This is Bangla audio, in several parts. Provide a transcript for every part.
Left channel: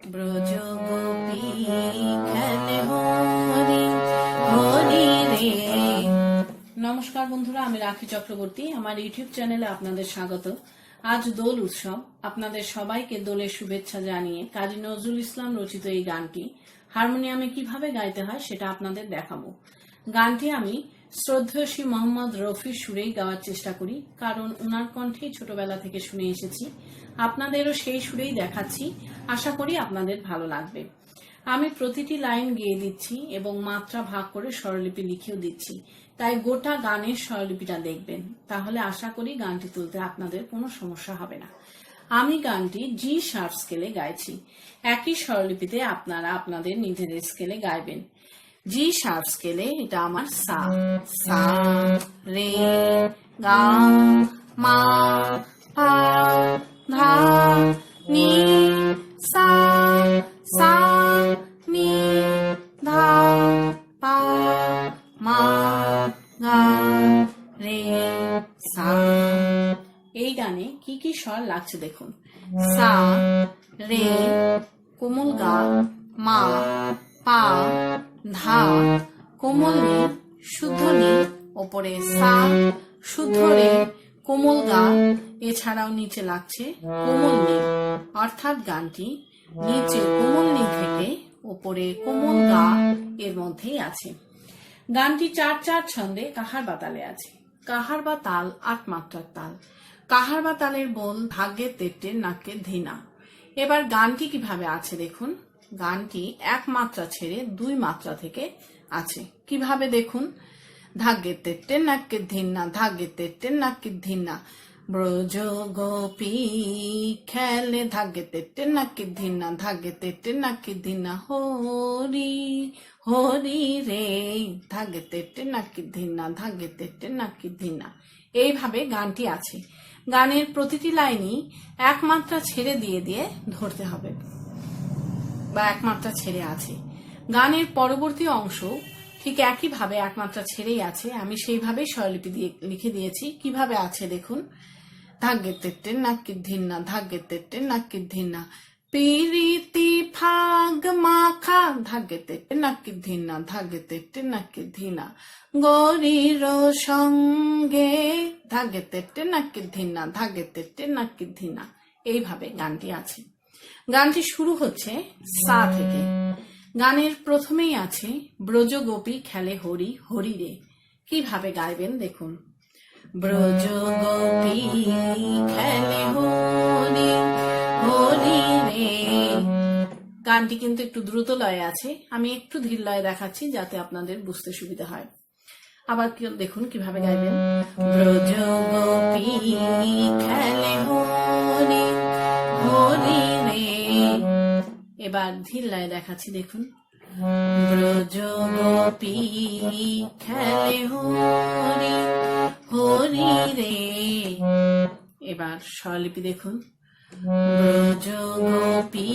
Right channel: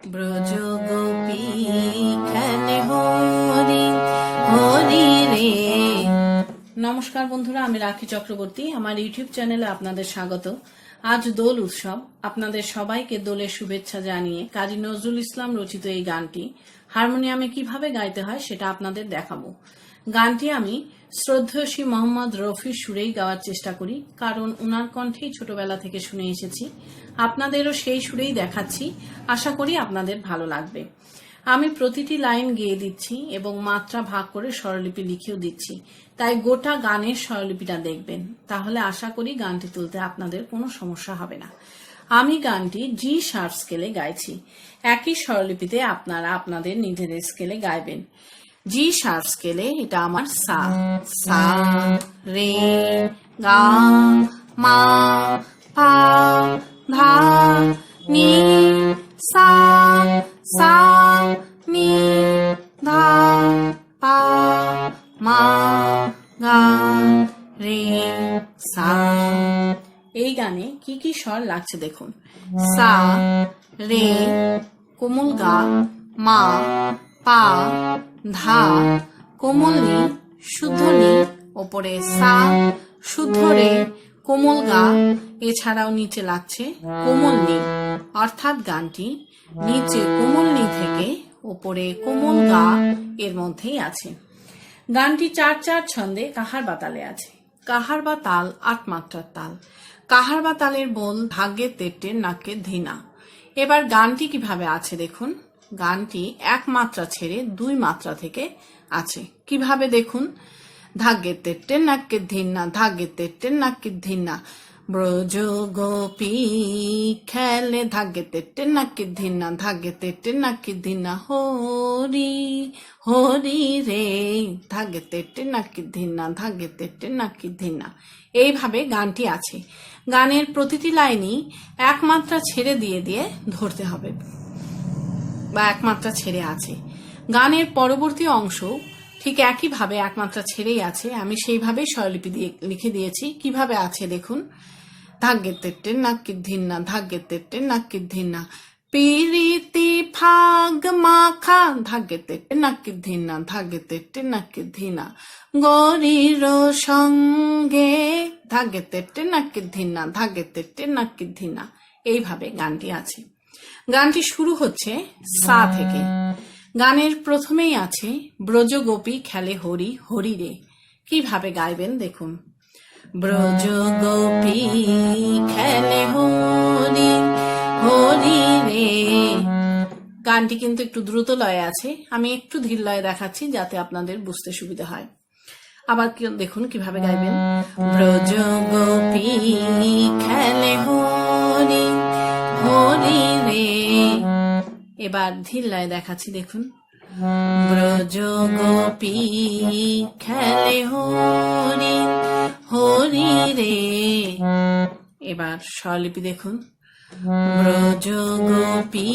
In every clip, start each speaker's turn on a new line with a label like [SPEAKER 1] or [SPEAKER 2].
[SPEAKER 1] ব্রজ গোপী খেলে হরি হরি রে। নমস্কার বন্ধুরা, আমি রাখি চক্রবর্তী। আমার ইউটিউব চ্যানেলে আপনাদের স্বাগত। আজ দোল উৎসব। আপনাদের সবাইকে দোলের শুভেচ্ছা জানিয়ে কাজী নজরুল ইসলাম রচিত এই গানটি, হারমোনিয়ামে কীভাবে গাইতে হয় সেটা আপনাদের দেখাবো। গানটি আমি শ্রদ্ধেয় শ্রী মোহাম্মদ রফির সুরেই গাওয়ার চেষ্টা করি, কারণ উনার কণ্ঠেই ছোটবেলা থেকে শুনে এসেছি। আপনাদেরও সেই সুরেই দেখাচ্ছি। আশা করি আপনাদের ভালো লাগবে। আমি প্রতিটি লাইন গেয়ে দিচ্ছি এবং মাত্রা ভাগ করে স্বরলিপি লিখেও দিচ্ছি। তাই গোটা গানের স্বরলিপিটা দেখবেন। তাহলে আশা করি গানটি তুলতে আপনাদের কোনো সমস্যা হবে না। আমি গানটি জি শার্প স্কেলে গাইছি। একই স্বরলিপিতে আপনারা আপনাদের নিজেদের স্কেলে গাইবেন। জি শার্প স্কেলে এটা আমার সা সা, রে, গা, মা, পা ধা নি সা সা নি ধা পা মা রে সা এই গানে কি কি স্বর লাগছে দেখুন। সা, রে কোমল গা, মা, পা, ধা, কোমল নি, শুদ্ধ নি, ওপরে সা, শুদ্ধ রে, কোমল গা এছাড়াও নিচে লাগছে কোমল নি অর্থাৎ গানটি নিচে কোমল নি থেকে ওপরে কোমল গা এর মধ্যেই আছে। গানটি চার চার ছন্দে কাহার বা তালে আছে? কাহার বা তাল আট মাত্রার তাল। কাহার বা তালের বোল ভাগ্যে তেটে নাকে ধিনা। এবার গানটি কীভাবে আছে দেখুন। গানটি এক মাত্রা ছেড়ে দুই মাত্রা থেকে আছে। কীভাবে দেখুন? ধাগ্যে তেটে নাকে ধিনা ধাগ্যে তেটে নাকে ধিনা। ব্রজ গোপী খেলে ধাগ্যে তেটে নাকি ধিনা ধাগ্যে তেটে নাকি ধিনা, হরি হরি রে। ধাগ্যে তেটে নাকি ধিনা ধাগ্যে তেটে নাকি ধিনা। এইভাবে গানটি আছে। গানের প্রতিটি লাইনই এক মাত্রা ছেড়ে দিয়ে দিয়ে ধরতে হবে বা একমাত্রা ছেড়ে আছে। গানের পরবর্তী অংশ ঠিক একইভাবে একমাত্রা ছেড়েই আছে। আমি সেইভাবেই স্বরলিপি দিয়ে লিখে দিয়েছি। কীভাবে আছে দেখুন। ধাগ্যে তেটে নাকি ধিন্না ধাগ্যে তেটে নাকি ধিন্না পিরিতি ফাগ মাখা ধাগ্যে তেটে নাকি ধিনা ধাগ্যে তেটে নাকি ধিনা গরির সঙ্গে ধাগ্যে তেটে নাকি ধিনা ধাগ্যে তেটে নাকি ধিনা এইভাবে গানটি আছে। গানটি শুরু হচ্ছে সা থেকে। গানের প্রথমেই আছে ব্রজ গোপী খেলে হরি হরি রে। কীভাবে গাইবেন দেখুন। ব্রজ গোপী খেলে হরি হরি রে। গানটি কিন্তু একটু দ্রুত লয়ে আছে। আমি একটু ধীর লয়ে দেখাচ্ছি যাতে আপনাদের বুঝতে সুবিধা হয়। আবার দেখুন কীভাবে গাইবেন। ব্রজ গোপী খেলে হরি হরি রে। এবার ধীর লয়ে দেখাচ্ছি, দেখুন। ব্রজ গোপী খেলে হরি হরি রে। এবার স্বলিপি দেখুন। ব্রজ গোপী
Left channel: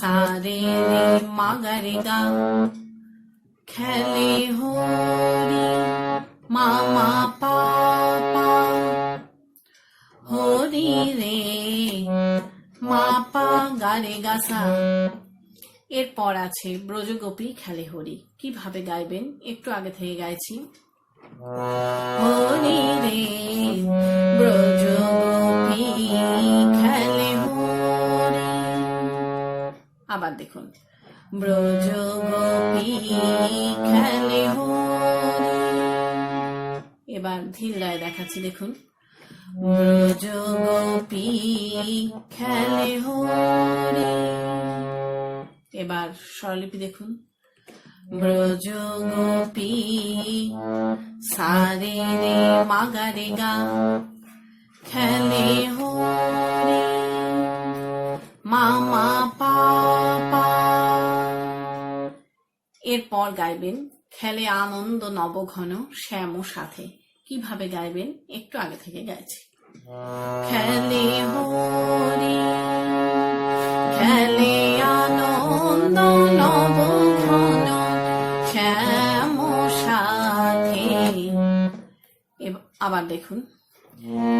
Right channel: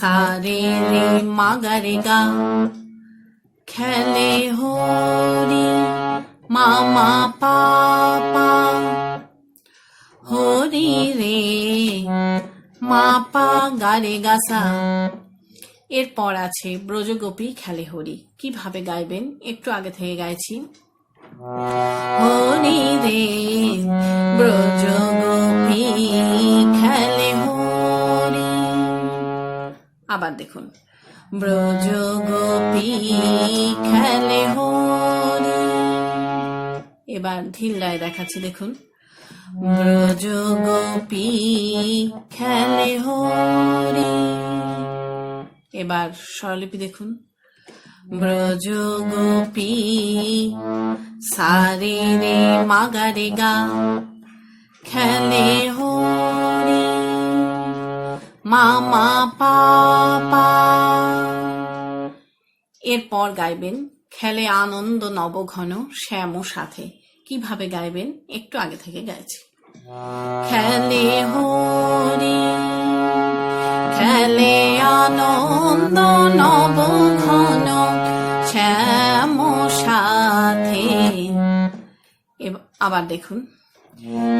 [SPEAKER 1] সারে রে মাগারে গা। খেলে হরি মামা পাপা। হরি রে মা পা গারে গাসা এরপর আছে ব্রজগোপী খেলে হরি কীভাবে গাইবেন? একটু আগে থেকে গাইছি। হরি রে, ব্রজগোপী খেলে হরি আবার দেখুন। ব্রজগোপী খেলে হরি এবার ধীর লয় দেখাচ্ছি, দেখুন। ব্রজ গোপী খেলে হরি এবার স্বরলিপি দেখুন। ব্রজ গোপী সারে রে মাগারে গা, খেলে হরি, মামা পাপা। এরপর গাইবেন, খেলে আনন্দ নবঘন শ্যাম সাথে। কীভাবে গাইবেন? একটু আগে থেকে গাইছি। খেলে হরি, খেলে নন্দ নবঘন শ্যাম সাথে আবার দেখুন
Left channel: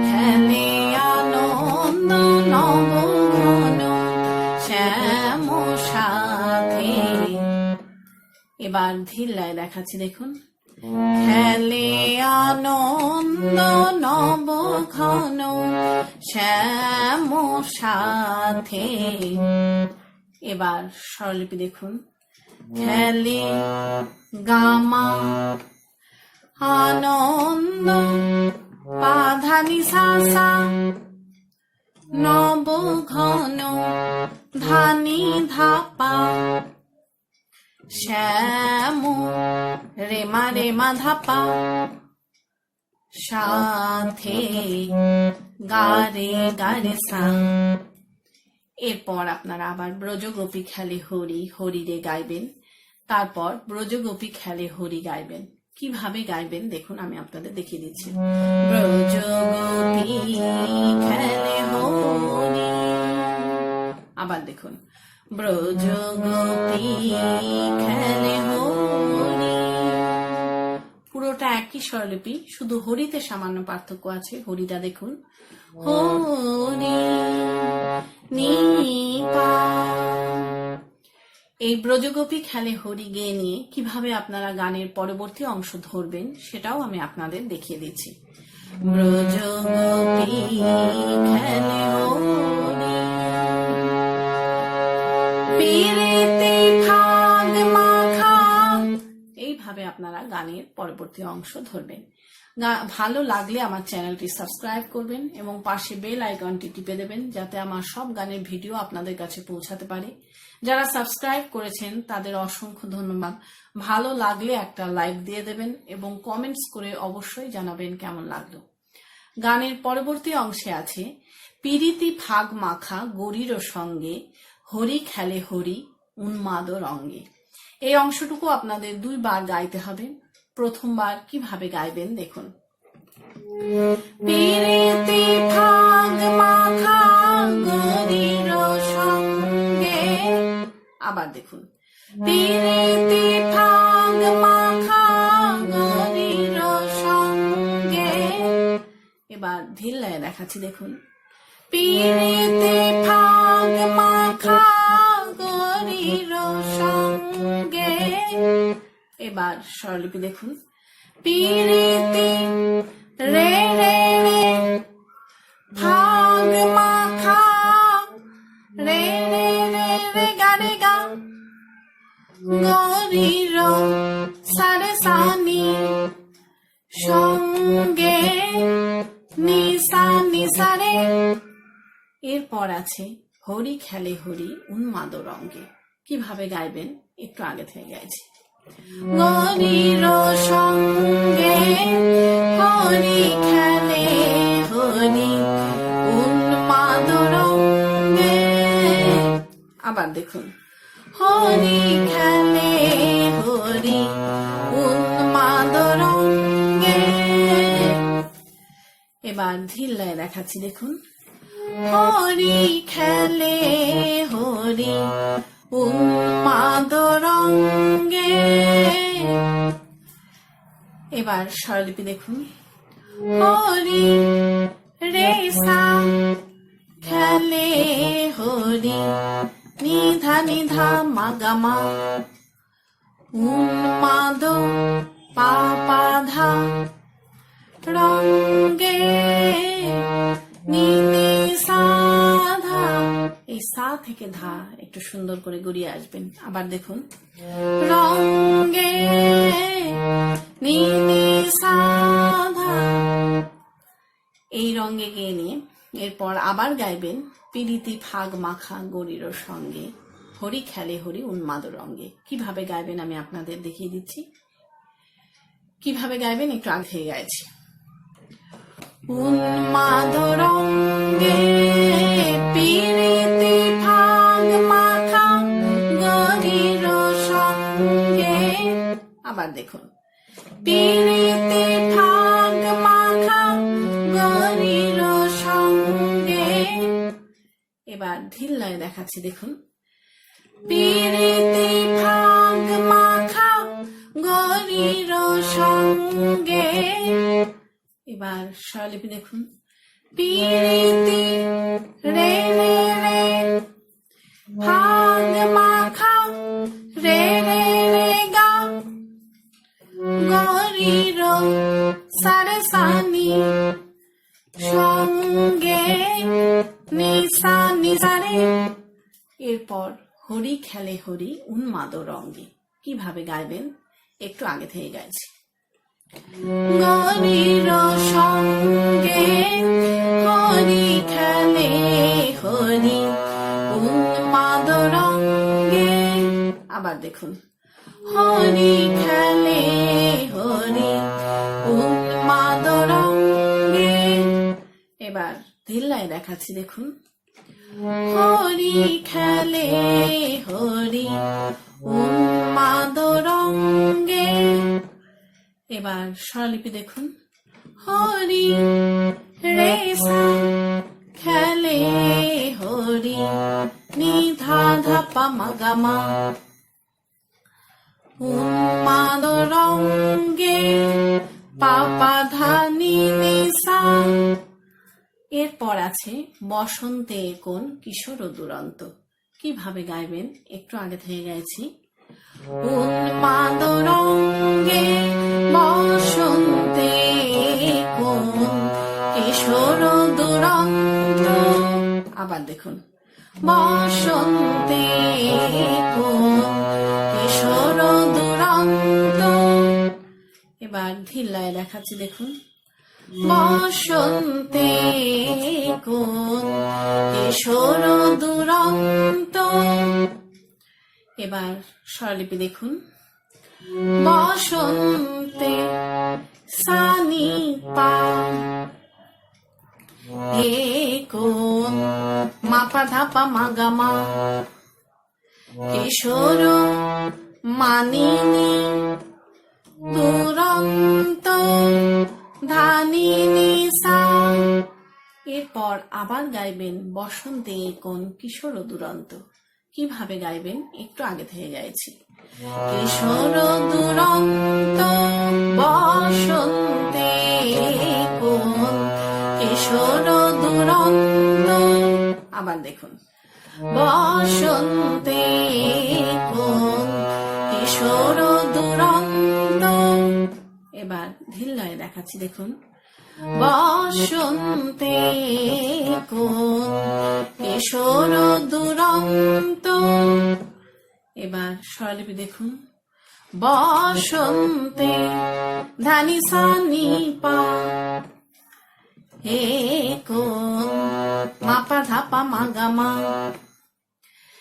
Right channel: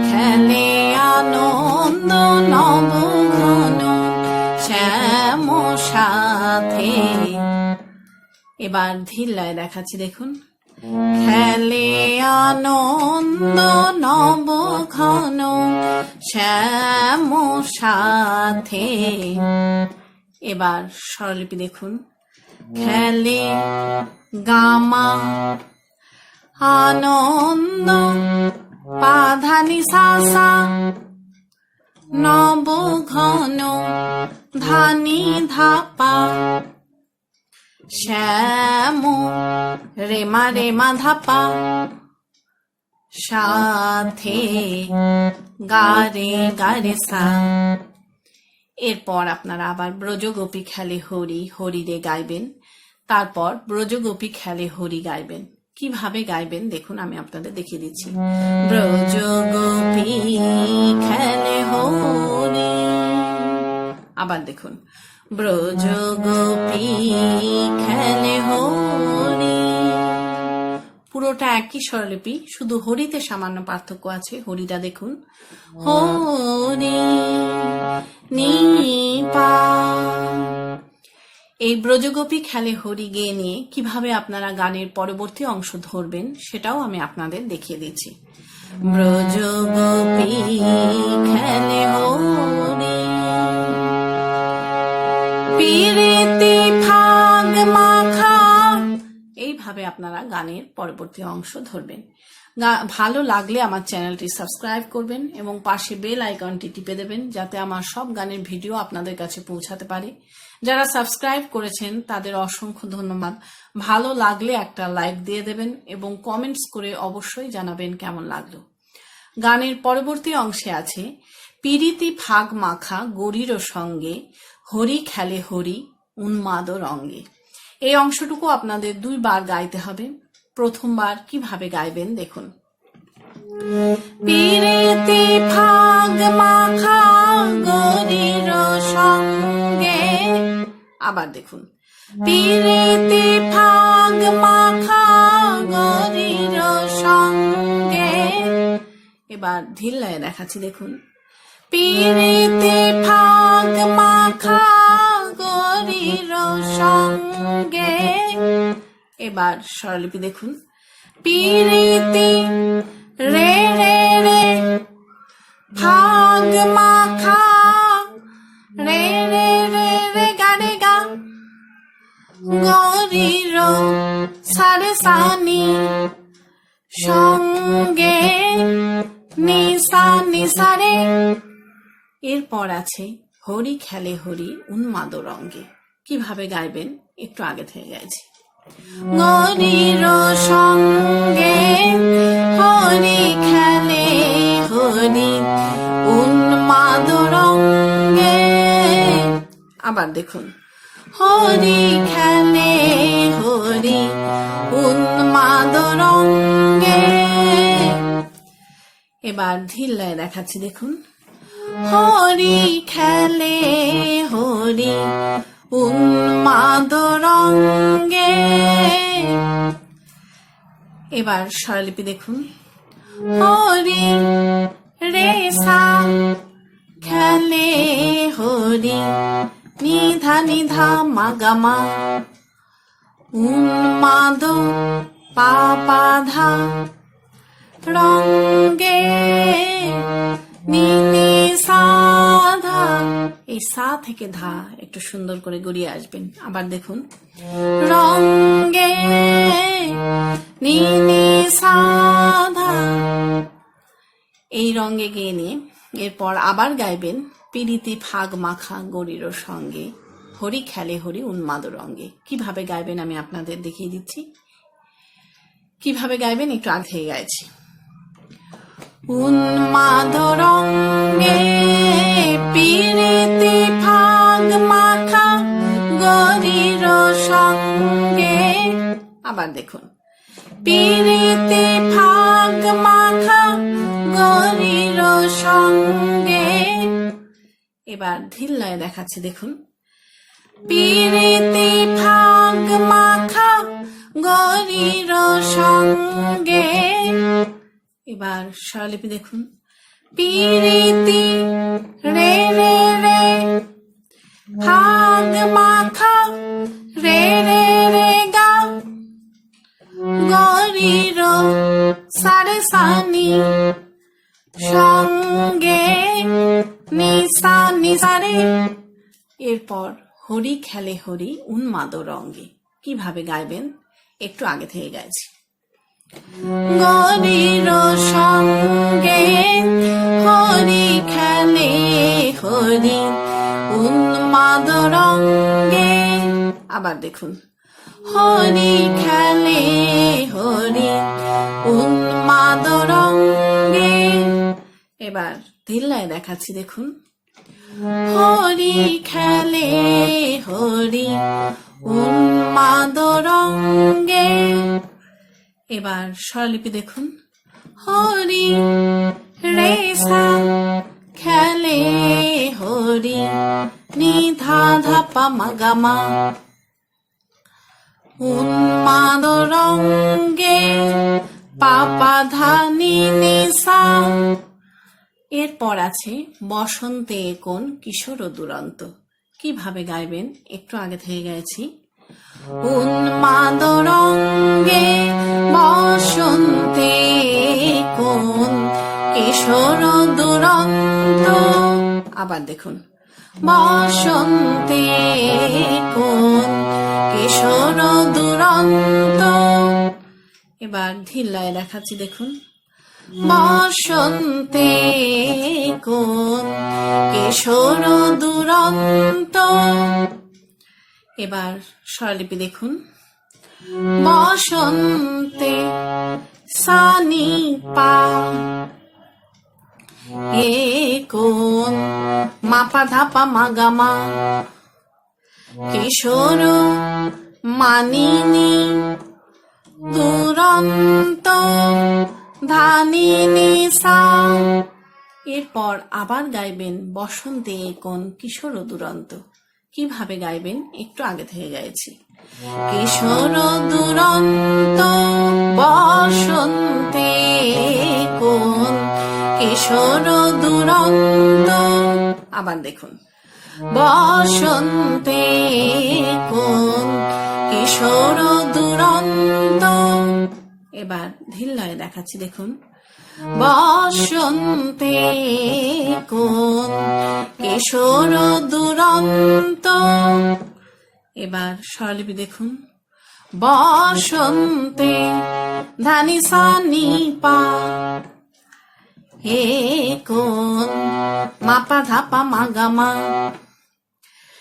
[SPEAKER 1] খেলে আনন্দ নবঘন শ্যাম সাথে এবার ধিল্লায় দেখাচ্ছি দেখুন খেলে আনন্দ নব ঘন শ্যাম সাথে এবার স্বরলিপি দেখুন। খেলে গামা আনন্দ পাধানি সাসা নব ঘন ধানি ধাপা শ্যাম রেমা রেমা ধাপা সাথে গারে গারে সা। এরপর আপনারা আবার ব্রজগোপী খেলে হরি হরি রে গাইবেন। তারপর ব্রজগোপী খেলে হরি গাইবেন। কীভাবে গাইবেন? দেখুন, আমি আপনাদের দেখিয়ে দিচ্ছি। ব্রজগোপী খেলে হরি। আবার দেখুন। ব্রজগোপী খেলে হরি। পুরোটা একই স্বরলিপি শুধু হরিতে সামান্য পার্থক্য আছে। হরিটা দেখুন। এই ব্রজগোপী খেলে হরি গেয়ে নিয়ে কীভাবে আপনারা গানের পরবর্তী অংশ ধরবেন সেটাও আমি আপনাদের দেখিয়ে দিচ্ছি। ব্রজগোপী খেলে হরি। পিরিতি এইভাবে আপনারা গানের পরবর্তী অংশ ধরবেন। ভালো লাগলে আমার চ্যানেলটি সাবস্ক্রাইব করবেন এবং পাশে বেল আইকনটি টিপে দেবেন যাতে আমার সব গানের ভিডিও আপনাদের কাছে পৌঁছাতে পারে। যারা সাবস্ক্রাইব করেছেন, তাদের অসংখ্য ধন্যবাদ। ভালো লাগলে একটা লাইক দিয়ে দেবেন এবং কমেন্টস করে অবশ্যই জানাবেন কেমন লাগল। গানের পরবর্তী অংশে আছে, পিরিতি ফাগ মাখা গরির সঙ্গে, হরি খেলে হরি উন্মাদ রঙ্গে। এই অংশটুকু আপনাদের দুইবার গাইতে হবে। প্রথমবার কীভাবে গাইবেন দেখুন। আবার দেখুন। এবার ধিল্লায় দেখাচ্ছি, দেখুন। পিরিতি ফাগ মাখা গরির সঙ্গে এবার স্বরলিপি দেখুন। পিরিতি রে রে রে ফাগ মাখা। রে রে রে রে গা রে গা। গরির সারে সানি সঙ্গে, নিসা নিসারে। এরপর আছে হরি খেলে হরি উন্মাদ রঙ্গে। কীভাবে গাইবেন? একটু আগে থেকে গাইছি। গরির সঙ্গে হরি খেলে হরি উন্মাদ রঙ্গে। আবার দেখুন। হরি খেলে হরি উন্মাদ রঙ্গে। এবার ধিল্লায় দেখাচ্ছি, দেখুন। হরি খেলে, হরি উন্মাদ রঙ্গে এবার স্বরলিপি দেখুন। হরি রে সা খেলে, হরি নিধা নিধা মাগামা। উন্মাদ পাপাধা রঙ্গে। নিনি সাধা এই সা থেকে ধা একটু সুন্দর করে গড়িয়ে আসবেন। আবার দেখুন। রঙ্গে নিনি সাধা এই রঙ্গে গিয়ে নিয়ে এরপর আবার গাইবেন পিরিতি ফাগ মাখা গরির সঙ্গে, হরি খেলে হরি উন্মাদ রঙ্গে কীভাবে গাইবেন আমি আপনাদের দেখিয়ে দিচ্ছি। কীভাবে গাইবেন একটু আগে গাইছি। উন্মাদ রঙ্গে পিরিতি ফাগ মাখা গরির সঙ্গে। আবার দেখুন। পিরিতি ফাগ মাখা গরির সঙ্গে। এবার ধিল্লায় দেখাচ্ছি, দেখুন। পিরিতি ফাগ মাখা গরির সঙ্গে। এবার স্বরলিপি দেখুন। পি রে রে রে রে মাথা রে রে রে, গা। গরি রো সারসানি, সঙ্গে নিসা নিসারে এরপর হরি খেলে হরি উন্মাদ রঙ্গে কীভাবে গাইবেন? একটু আগে থেকে গাইছি। গরির সঙ্গে হরি খেলে হরি, উন্মাদ আবার দেখুন। হরি খেলে হরি, উন্মাদ এবার ধিল্লায় দেখাচ্ছি, দেখুন। হরি খেলে হরি, উন্মাদ রঙ্গে। এবার স্বরলিপি দেখুন। হরি রে সা, খেলে হরি, নিধা ধাপা মাগামা। উন্মাদ রঙ্গে পাপা ধানি নিসা এরপর আছে বসন্তে কোন কিশোর ও দুরন্ত। কীভাবে গাইবেন? একটু আগে থেকে গেছি। উন্মাদ রঙ্গে বসন্তে কোন দুরন্ত? আবার দেখুন। বসন্তে কোন কিশোর দুরন্ত? এবার ধিল্লায় দেখাচ্ছি, দেখুন। বসন্তে কোন কিশোর দুরন্ত? এবার স্বরলিপি দেখুন। বসন্তে সানি পা, এ কোন মাপা ধাপা মাগামা কিশোর মানিনী, দুরন্ত ধানিনী সা। এরপর আবার গাইবেন বসন্তে কোন কিশোর দুরন্ত। কীভাবে গাইবেন? একটু আগে থেকে গাইছি। কিশোর দুরন্ত বসন্তে কোন কিশোর দুরন্ত। আবার দেখুন। বসন্তে কোন কিশোর দুরন্ত। এবার ধিল্লায় দেখাচ্ছি দেখুন। বসন্তে কোন কিশোর দুরন্ত। এবার স্বরলিপি দেখুন। বসন্তে ধানি সানি পা, হে কোন মাপা ধাপা মাগামা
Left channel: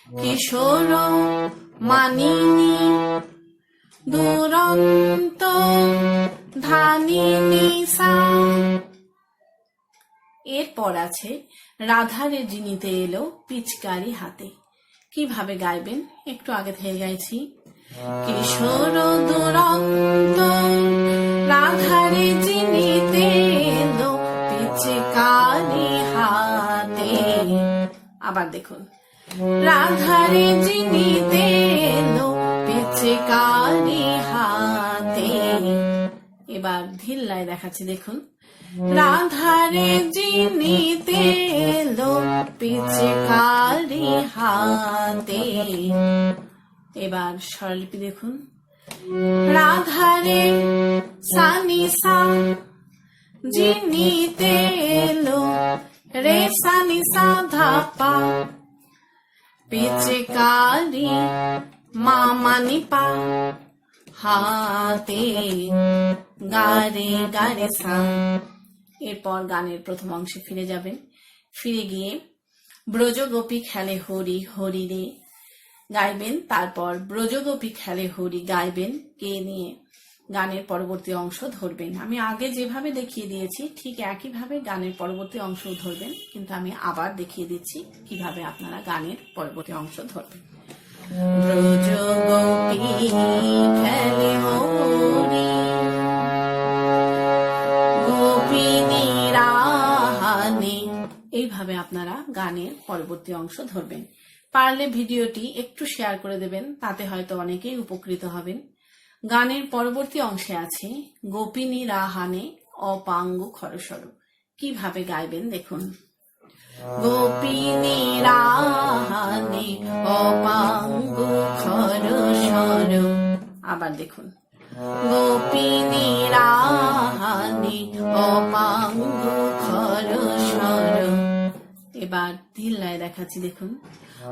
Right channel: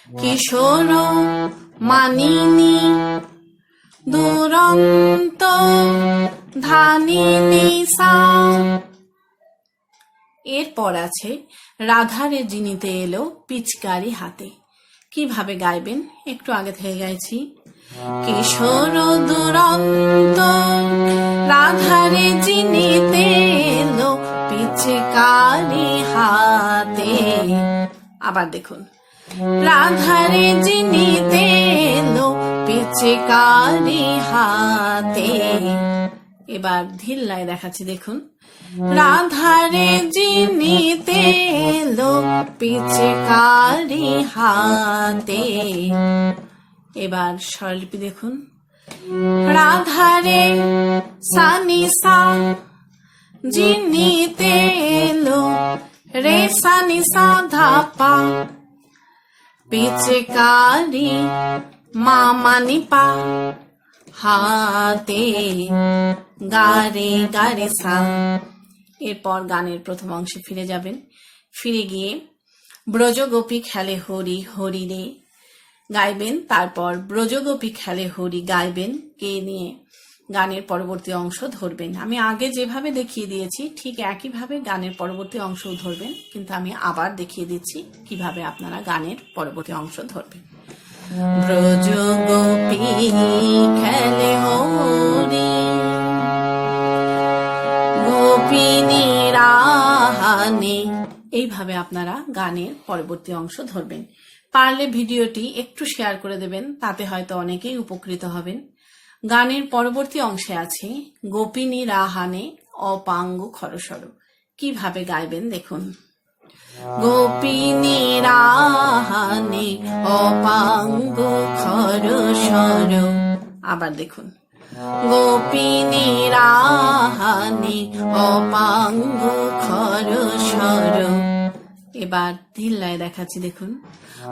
[SPEAKER 1] কিশোর মানিনী দুরন্ত ধানিনী সা। এরপর আছে রাধারে জিনিতে এলো পিচকারি হাতে। কীভাবে গাইবেন? একটু আগে থেকে গাইছি। কিশোর দুরন্ত রাধারে জিনিতে এলো পিচকারি হাতে। আবার দেখুন। রাধারে জিনিতে এলো পিচকারি হাতে। এবার ধিল্লায় দেখাচ্ছি, দেখুন। রাধারে জিনিতে এলো পিচকারি হাতে। এবার স্বরলিপি দেখুন। রাধারে সানি সা, জিনিতে এলো রে সানি সা ধাপা। পিচকারি মামানি পা হাতে। এরপর গানের প্রথম অংশে ফিরে যাবেন। ফিরে গিয়ে ব্রজগোপী খেলে হরি হরি রে। গাইবেন, তারপর ব্রজগোপী খেলে হরি গাইবেন, কে নিয়ে গানের পরবর্তী অংশ ধরবেন। আমি আগে যেভাবে দেখিয়ে দিয়েছি, ঠিক একইভাবে গানের পরবর্তী অংশ ধরবেন, কিন্তু আমি আবার দেখিয়ে দিচ্ছি কীভাবে আপনারা গানের পরবর্তী অংশ ধরবেন। ব্রজ গোপী খেলে হরি এইভাবে আপনারা গানের পরবর্তী অংশ ধরবেন। পারলে ভিডিওটি একটু শেয়ার করে দেবেন, তাতে হয়তো অনেকেই উপকৃত হবেন। গানের পরবর্তী অংশে আছে গোপিনী রাহানে অপাঙ্গ খরসর। কীভাবে গাইবেন দেখুন। গোপিনী রাহানে অপাঙ্গ খরসর। আবার দেখুন। গোপিনী রাহানে, অপাঙ্গ খরসর এবার ধিল্লায় দেখাচ্ছি, দেখুন।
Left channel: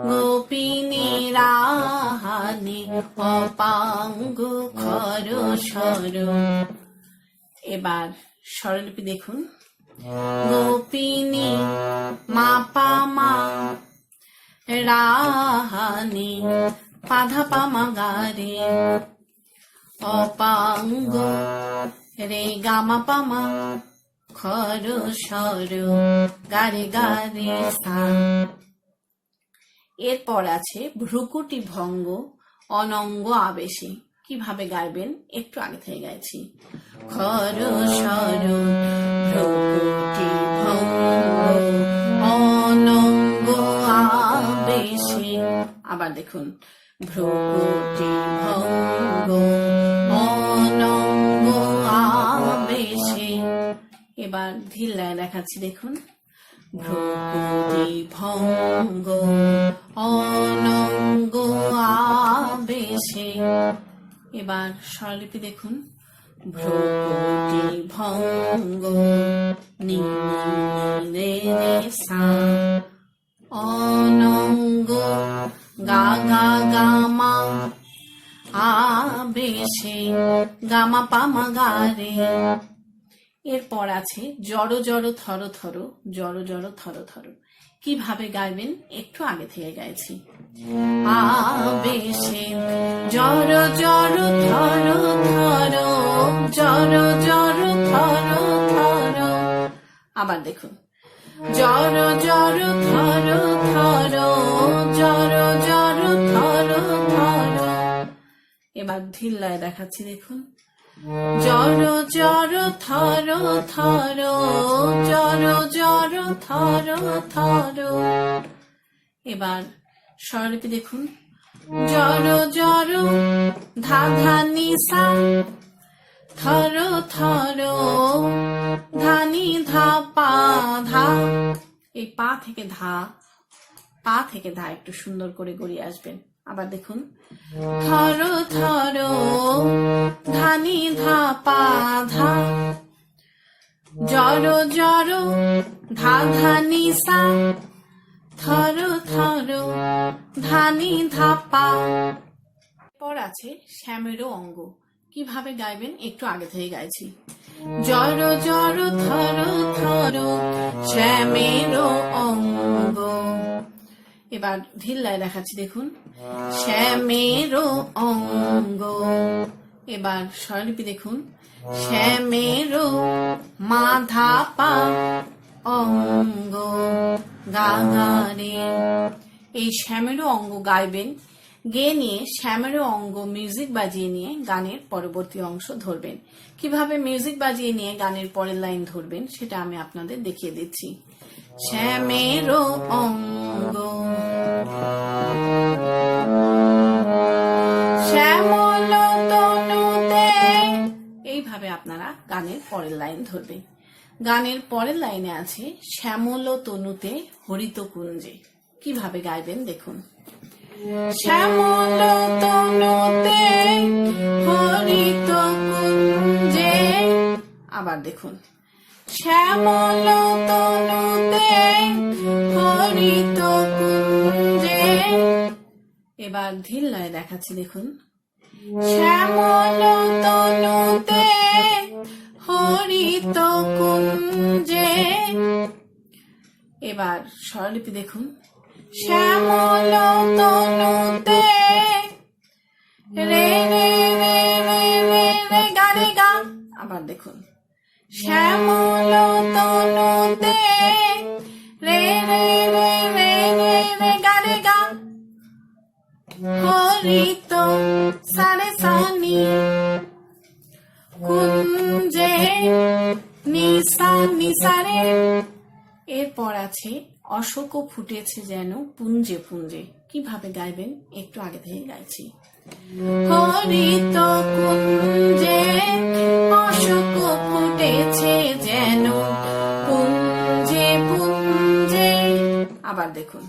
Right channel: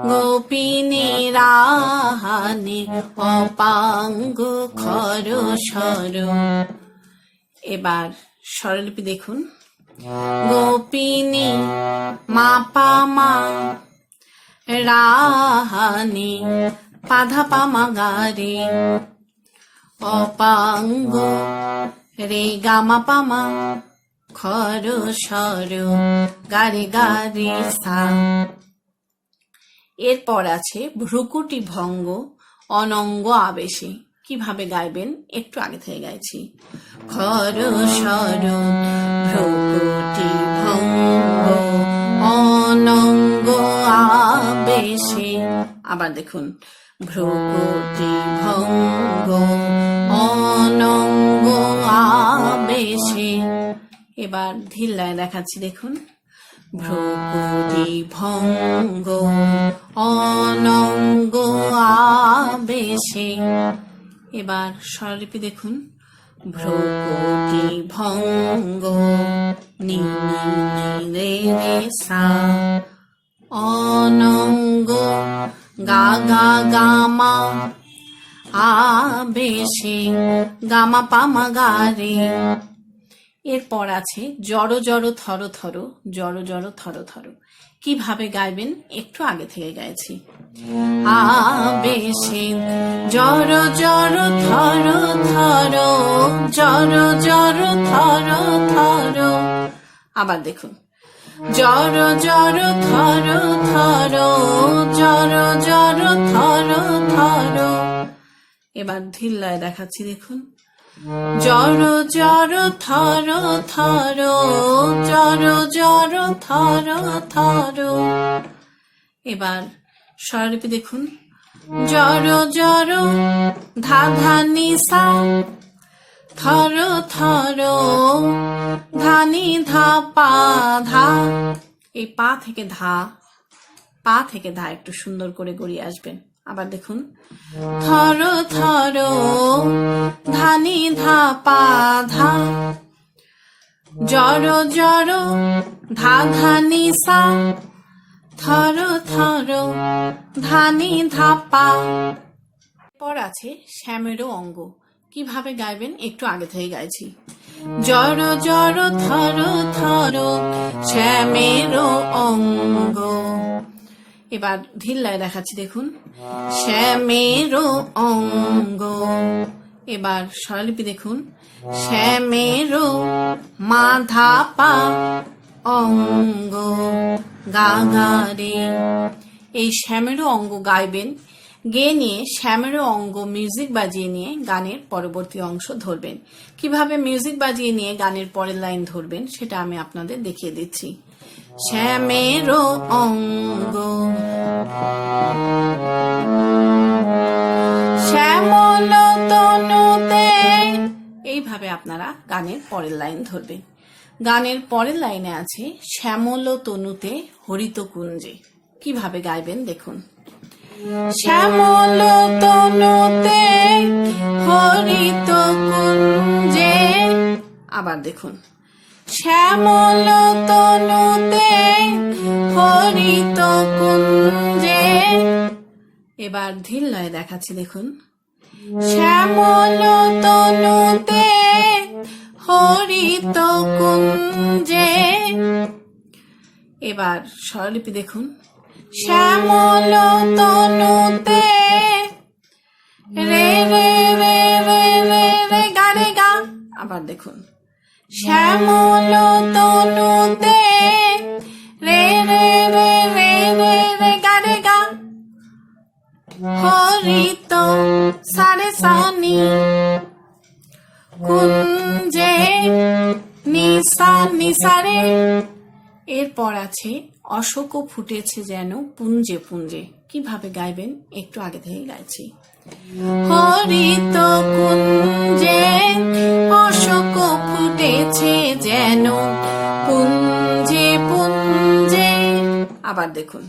[SPEAKER 1] গোপিনী রাহানি, অপাঙ্গ সর এবার স্বরলিপি দেখুন। গোপিনী মা পা মা, রাহানি, পাধা পামা গারে অপাঙ্গ। রে গামা পামা খর সর, গারে গারে সা। এরপর আছে ভ্রুকুটি ভঙ্গ, অনঙ্গ আবেশে। কীভাবে গাইবেন? একটু আগে থেকে গাইছি। খর সর, ভ্রুকুটি ভঙ্গ, অনঙ্গ আবেশে। আবার দেখুন, ভ্রুকুটি ভঙ্গ। এবার ধিল্লায় দেখাচ্ছি, দেখুন। ভ্রুকুটি ভঙ্গ, অনঙ্গ আবেশে। এবার স্বরলিপি দেখুন। ভ্রুকুটি ভঙ্গ নি রে রে সা অনঙ্গ গা গা গামা আবেশে, গামা পামা গারে এরপর আছে জড় জড় থর থর, জড় জড় থর থর। কীভাবে গাইবেন? একটু আগে থেকে গাইছি। আবেশে জড় থর থর, জড় জড় থর থর। আবার দেখুন। জড় জড় থর থর, জড় জড় থর থর। এবার ধিল্লায় দেখাচ্ছি, দেখুন। জড় জড়, থর থর, জড় জড়, থর থর। এবার স্বরলিপি দেখুন। জড় জড়, ধা ধা নিসা থর থর ধানি ধা, পা, ধা। এই পা থেকে ধা, পা থেকে ধা একটু সুন্দর করে গড়িয়ে আসবেন। আবার দেখুন। থর থর, ধানি ধাপা, ধা। জড় জড়, ধা ধানি সা। থর থর, ধানি ধাপা। পর আছে শ্যামেরও অঙ্গ। কীভাবে গাইবেন? একটু আগে থেকে গাইছি। জড় জড়, থর থর, শ্যামেরও অঙ্গ। এবার ধিল্লায় দেখাচ্ছি দেখুন। শ্যামেরও অঙ্গ। এবার স্বরলিপি দেখুন। শ্যামেরও মাধা পা অঙ্গ। গা গা এই শ্যামেরও অঙ্গ গাইবেন। গেয়ে নিয়ে শ্যামেরও অঙ্গ মিউজিক বাজিয়ে নিয়ে গানের পরবর্তী অংশ ধরবেন। কীভাবে মিউজিক বাজিয়ে নিয়ে গানের পরের লাইন ধরবেন সেটা আমি আপনাদের দেখিয়ে দিচ্ছি। শ্যামেরও অঙ্গ। শ্যামল তনুতে। এইভাবে আপনারা গানের পরের লাইন ধরবেন। গানের পরের লাইনে আছে, শ্যামল তনুতে হরিত কুঞ্জে। কীভাবে গাইবেন দেখুন। শ্যামল তনুতে হরিত কুঞ্জে। আবার দেখুন। শ্যামল তনুতে হরিত কুঞ্জে। এবার ধিল্লায় দেখাচ্ছি, দেখুন। শ্যামল তনুতে হরিত কুঞ্জে। এবার স্বরলিপি দেখুন। শ্যামল তনুতে রে রে রে রে রে গা রে গা আবার দেখুন। শ্যামল তনুতে রে রে রে রে রে রে গা গা। হরিত সারে সানি কুঞ্জে নিসা নিসারে এরপর আছে অশোক ফুটেছে যেন পুঞ্জে পুঞ্জে। কীভাবে গাইবেন? একটু আগে থেকে গাইছি। হরিত কুঞ্জে দেখুন।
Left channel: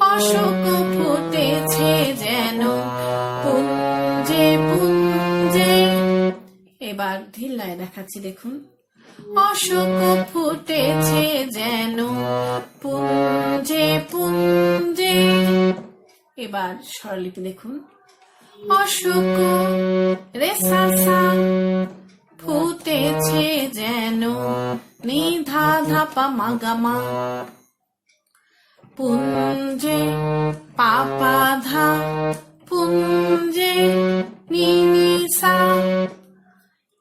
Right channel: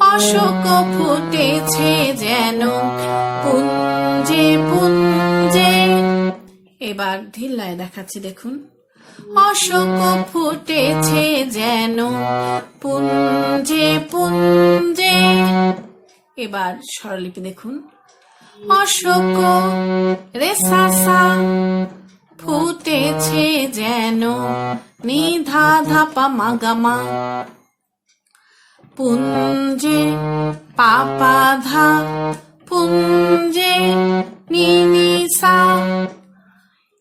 [SPEAKER 1] অশোক ফুটেছে যেন, পুঞ্জে পুঞ্জে। এবার ধিল্লায় দেখাচ্ছি, দেখুন। অশোক ফুটেছে যেন, পুঞ্জে পুঞ্জে। এবার স্বরলিপি দেখুন। অশোক রে সাসা ফুটেছে যেন, নিধা ধাপা মাগামা। পুঞ্জে পাপা ধা পুঞ্জে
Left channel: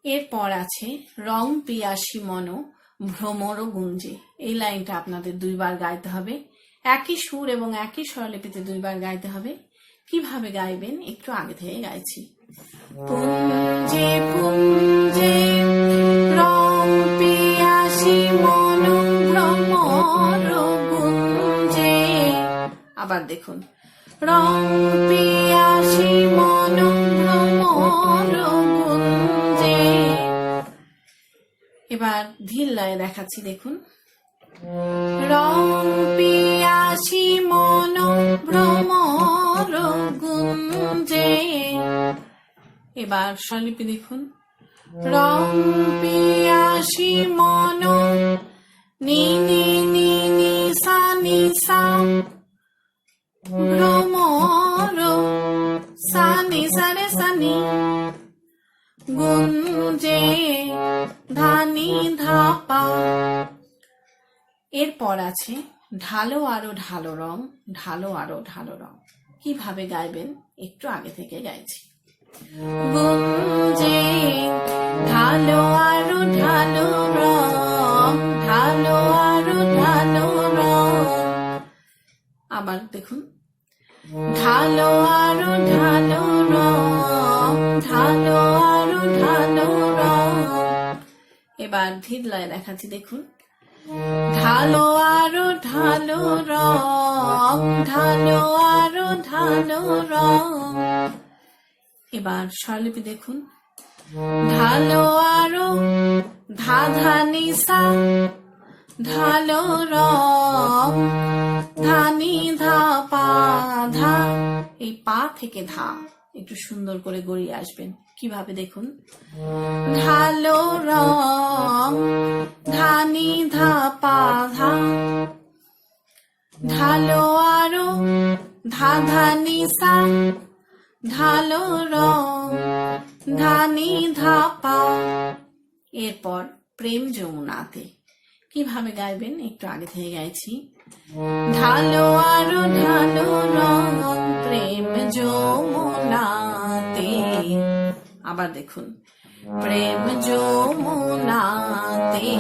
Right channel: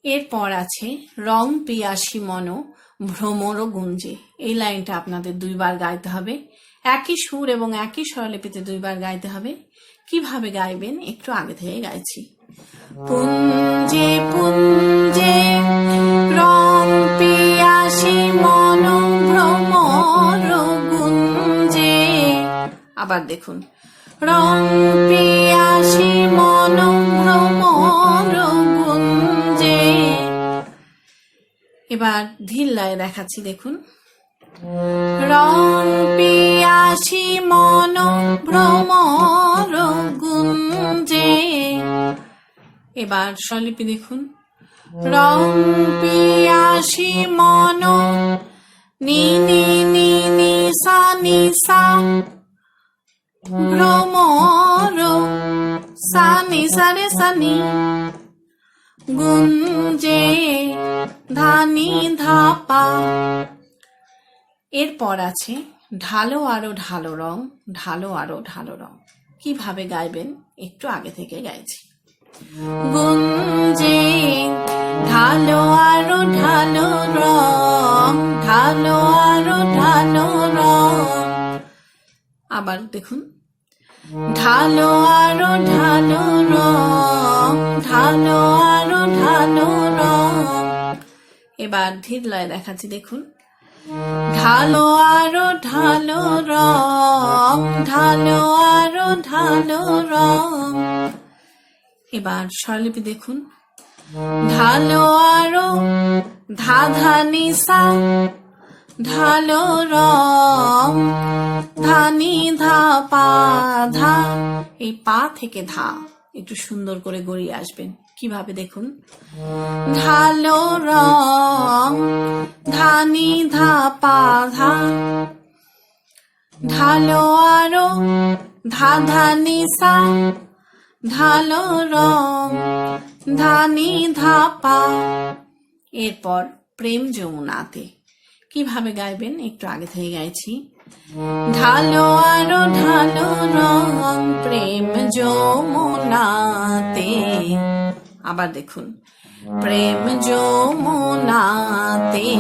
[SPEAKER 1] এরপর আছে রং পিয়াসী মন, ভ্রমর গুঞ্জে। এই লাইনটা আপনাদের দুইবার গাইতে হবে। একই সুর এবং একই স্বরলিপিতে দুইবার গাইতে হবে। কীভাবে গাইবেন? একটু আগে থেকে গাইছি। পুঞ্জে পুঞ্জে, রং পিয়াসী মন, ভ্রমর আবার দেখুন। রং পিয়াসী মন ভ্রমর গুঞ্জে এবার ধীর লয়ে দেখাচ্ছি, দেখুন। রং মন গুঞ্জে এবার স্বরলিপি দেখুন। রং পিয়াসী মন, নি নি নি নি, সা নি, সা রে সা নি গুঞ্জে ধানি ধাপা। এরপর আছে ঢালো আরও ঢালো রং, ঢালো আরও ঢালো রং। কীভাবে গাইবেন? একটু আগে থেকে গাইছি। গুঞ্জে ঢালো আরও ঢালো রং, ঢালো আরও ঢালো রং। আবার দেখুন ঢালো আরও ঢালো রং ঢালো আরও ঢালো রং। এবার ধীর লয় দেখাচ্ছি, দেখুন। ঢালো আরও ঢালো রং ঢালো আরও ঢালো রং। এবার স্বরলিপি দেখুন। ঢালো আরও ধা ধা নিসা ঢালো রং, ধানি ধা, পা ধা, এই পা থেকে ধা, একটু সুন্দর করে গড়িয়ে আসবেন। কীভাবে দেখুন? ঢালো রং, ধানি ধা, পা ধা, ঢালো আরও, ধা ধা নিসা ঢালো রং, ধানি ধা, পা। এরপর প্রেম যমুনাতে। কীভাবে গাইবেন? একটু আগে থেকে গাইছি। ঢালো আরও ঢালো রং, প্রেম যমুনাতে। আবার দেখুন। প্রেম যমুনাতে।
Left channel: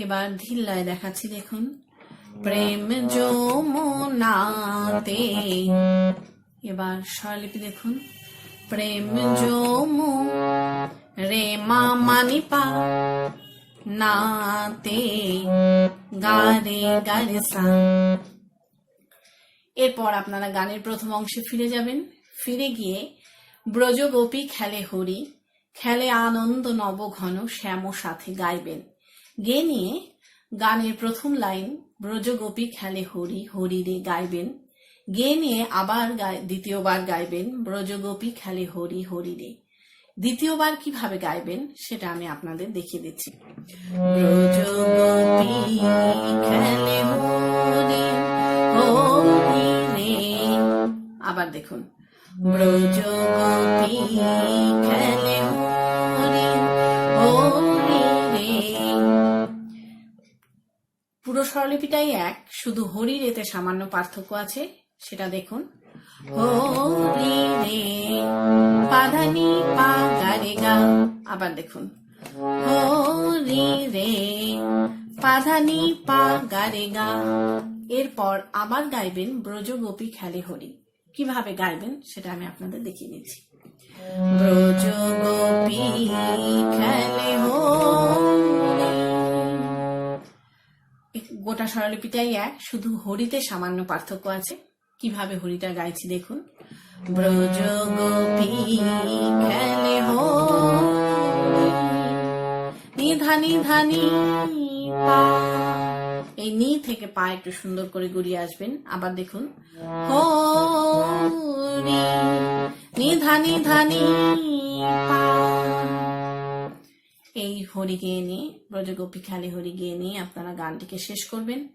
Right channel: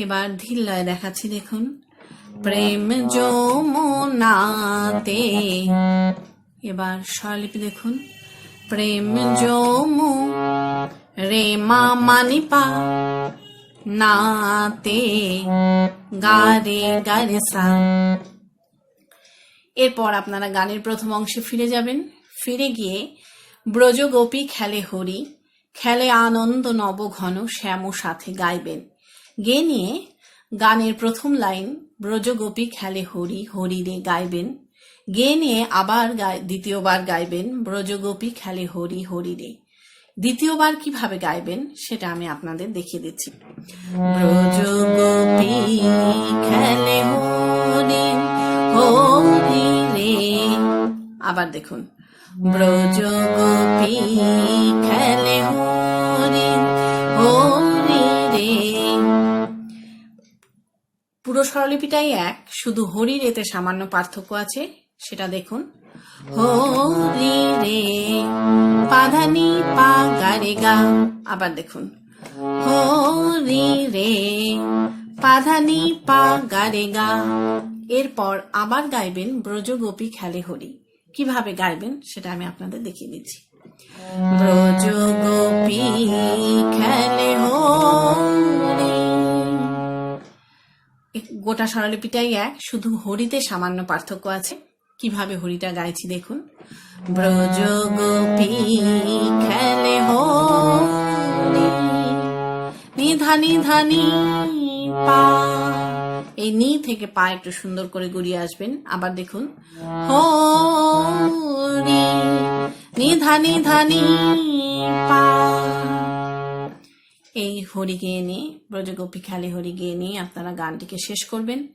[SPEAKER 1] এবার ধিল্লয় দেখাচ্ছি, দেখুন। প্রেম যমুনাতে। এবার স্বরলিপি দেখুন। প্রেম যমু, রে মা মানি পা নাতে গারে গারে সা। এরপর আপনারা গানের প্রথম অংশে ফিরে যাবেন। ফিরে গিয়ে ব্রজগোপী খেলে হরি, খেলে আনন্দ নব ঘন শ্যাম সাথে গাইবেন। গে নিয়ে গানের প্রথম লাইন, ব্রজগোপী খেলে হরি হরি রে গাইবেন। গে নিয়ে আবার দ্বিতীয়বার গাইবেন, ব্রজগোপী খেলে হরি হরি রে। দ্বিতীয়বার কীভাবে গাইবেন সেটা আমি আপনাদের দেখিয়ে দিচ্ছি। আবার দেখুন। পুরো স্বরলিপিটাই এক, শুধু হরি রেতে সামান্য পার্থক্য আছে, সেটা দেখুন। রে পাধানি পা আবার দেখুন। হরি রে পাধানি পা গা রে গা এরপর আবার গাইবেন ব্রজগোপী খেলে হরি কীভাবে গাইবেন সেটা আমি আপনাদের দেখিয়ে দিচ্ছি। ব্রজ গোপী খেলে গোটা স্বরলিপিটাই এক, শুধু হরিতে সামান্য পার্থক্য আছে। কীভাবে হরিটা গাইছি দেখুন। ব্রজ গোপী খেলে হরি নিধা নিধা নি পা। এই নি থেকে পা একটু সুন্দর করে গড়িয়ে আসবেন। আবার দেখুন। হরি নিধা নিধা নি পা। এই হরি গেয়ে নিয়ে, ব্রজগোপী খালি হরি গেয়ে নিয়ে আপনারা গানটিকে শেষ করবেন।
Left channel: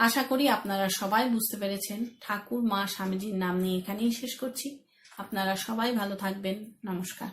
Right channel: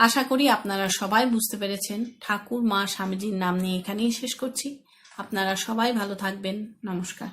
[SPEAKER 1] আশা করি আপনারা সবাই বুঝতে পেরেছেন ঠাকুর মা স্বামীজির নাম নিয়ে এখানেই শেষ করছি। আপনারা সবাই ভালো থাকবেন। নমস্কার।